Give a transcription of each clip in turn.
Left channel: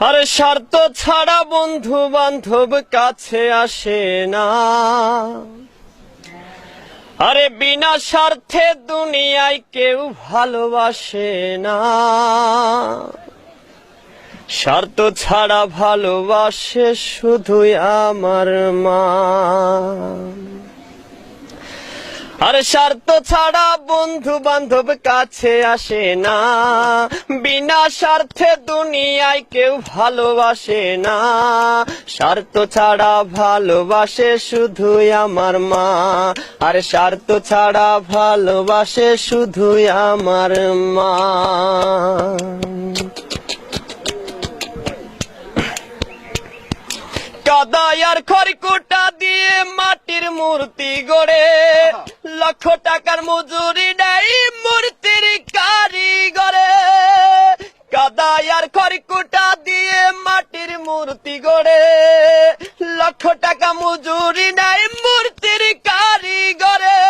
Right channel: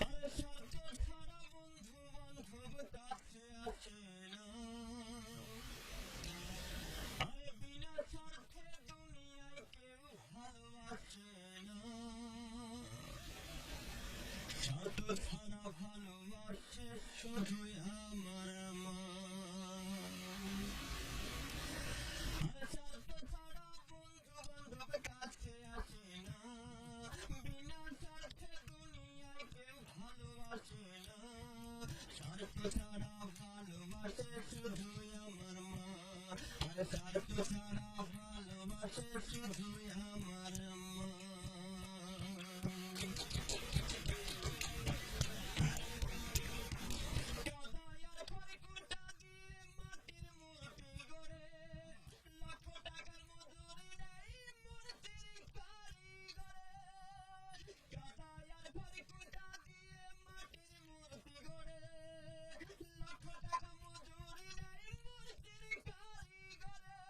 আরে স্বার্থ ছাড়া বন্ধু বান্ধব কাছে আসে না। আরে বিনা স্বার্থে দুনিয়ায় কেউ ভালোবাসে না। স্বার্থ ছাড়া ভালোবাসে শুধুই আমার মা। আরে স্বার্থ ছাড়া বন্ধু বান্ধব কাছে আসে না। বিনা স্বার্থে দুনিয়ায় কেউ ভালোবাসে না। স্বার্থ ছাড়া ভালোবাসে শুধুই আমার মা। আর স্বার্থ ছাড়া ভালোবাসে শুধুই আমার মা। কাদাই আর খড়কুটা দিয়ে মাটির মূর্তি গড়ে, লক্ষ টাকার মজুরি নেই মূর্তির কারিগরে। কাদাই আর খড়কুটা দিয়ে মাটির মূর্তি গড়ে, লক্ষ টাকা মজুরি নেই মূর্তির কারিগরে।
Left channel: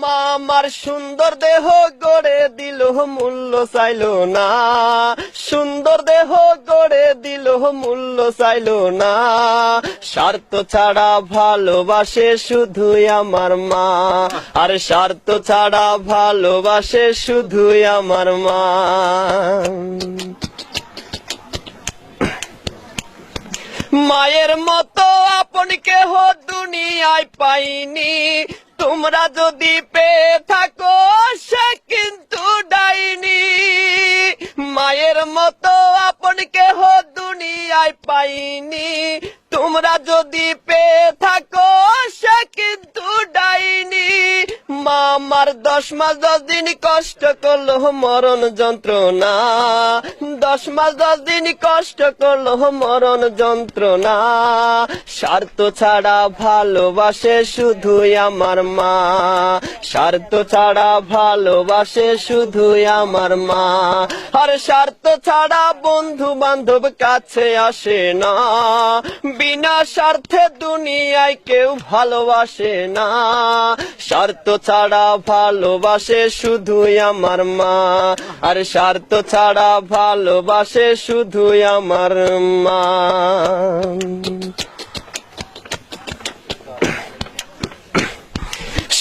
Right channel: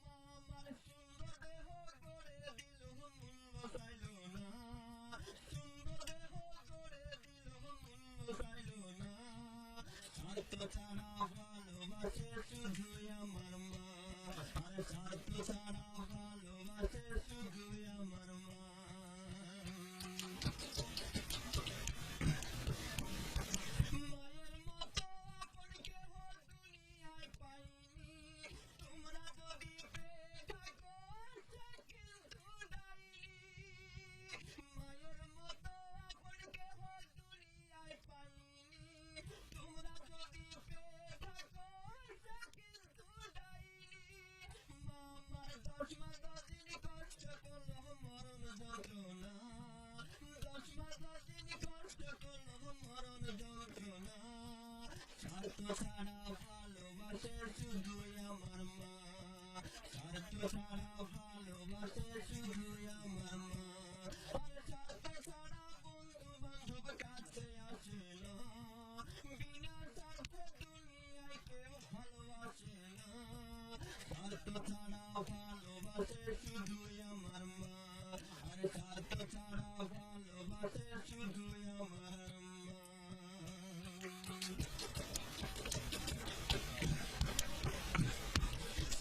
মা আমার সুন্দর দেহ গড়ে দিল মূল্য চাইল না। সুন্দর দেহ গড়ে দিল মূল্য চাইল না। স্বার্থ ছাড়া ভালোবাসে শুধুই আমার মা। আর স্বার্থ ছাড়া ভালোবাসে শুধুই আমার মা। মায়ের মতো আপন কেহ দুনিয়ায় পাইনি। তোমরা যদি পেয়ে থাকো সে কিন্তু ডাইনি। মায়ের মতো আপন কেহ দুনিয়ায় পাইনি। তোমরা যদি পেয়ে থাকো সে কিন্তু ডাইনি। মা আমার 10 মাস 10 দিন কষ্ট করলো মরণ যন্ত্রণা। 10 মাস 10 দিন কষ্ট করলো মরণ যন্ত্রণা। স্বার্থ ছাড়া ভালোবাসে শুধুই আমার মা। স্বার্থ ছাড়া ভালোবাসে শুধুই আমার মা। আর স্বার্থ ছাড়া বন্ধু বান্ধব কাছে আসে না। বিনা স্বার্থে দুনিয়ায় কেউ ভালোবাসে না। স্বার্থ ছাড়া ভালোবাসে শুধুই আমার মা। আর স্বার্থ ছাড়া ভালোবাসে শুধুই আমার মা।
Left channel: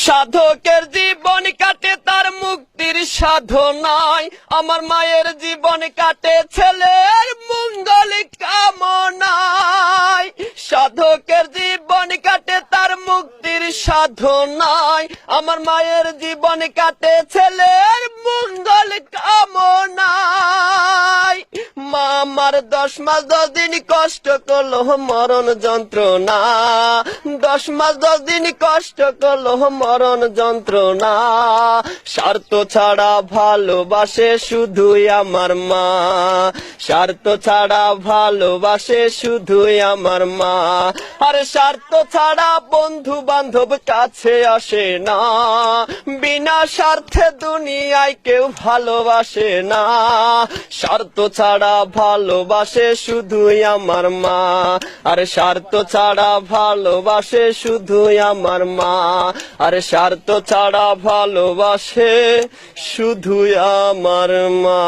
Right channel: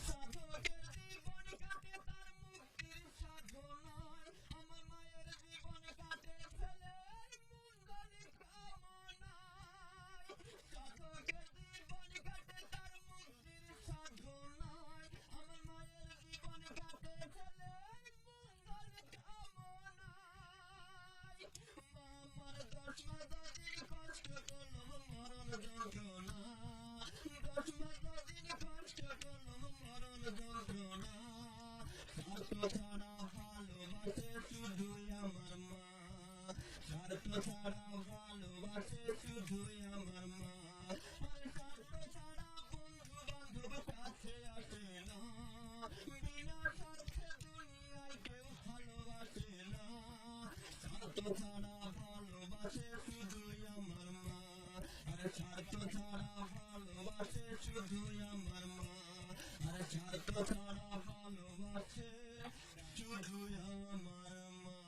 সাধকের জীবন কাটে তার মুক্তির সাধনায়। আমার মায়ের জীবন কাটে ছেলের মঙ্গল কামনায়। সাধকের জীবন কাটে তার মুক্তির সাধনায়। আমার মায়ের জীবন কাটে ছেলের মঙ্গল কামনায়। মা আমার 10 মাস 10 দিন কষ্ট করলো মরণ যন্ত্রণা। 10 মাস 10 দিন কষ্ট করলো মরণ যন্ত্রণা। স্বার্থ ছাড়া ভালোবাসে শুধুই আমার মা। স্বার্থ ছাড়া ভালোবাসে শুধুই আমার মা। আর স্বার্থ ছাড়া বন্ধু বান্ধব কাছে আসে না। বিনা স্বার্থে দুনিয়ায় কেউ ভালোবাসে না। স্বার্থ ছাড়া ভালোবাসে শুধুই আমার মা। আর স্বার্থ ছাড়া ভালোবাসে শুধুই আমার মা। আর স্বার্থ ছাড়া ভালোবাসে শুধুই আমার মা।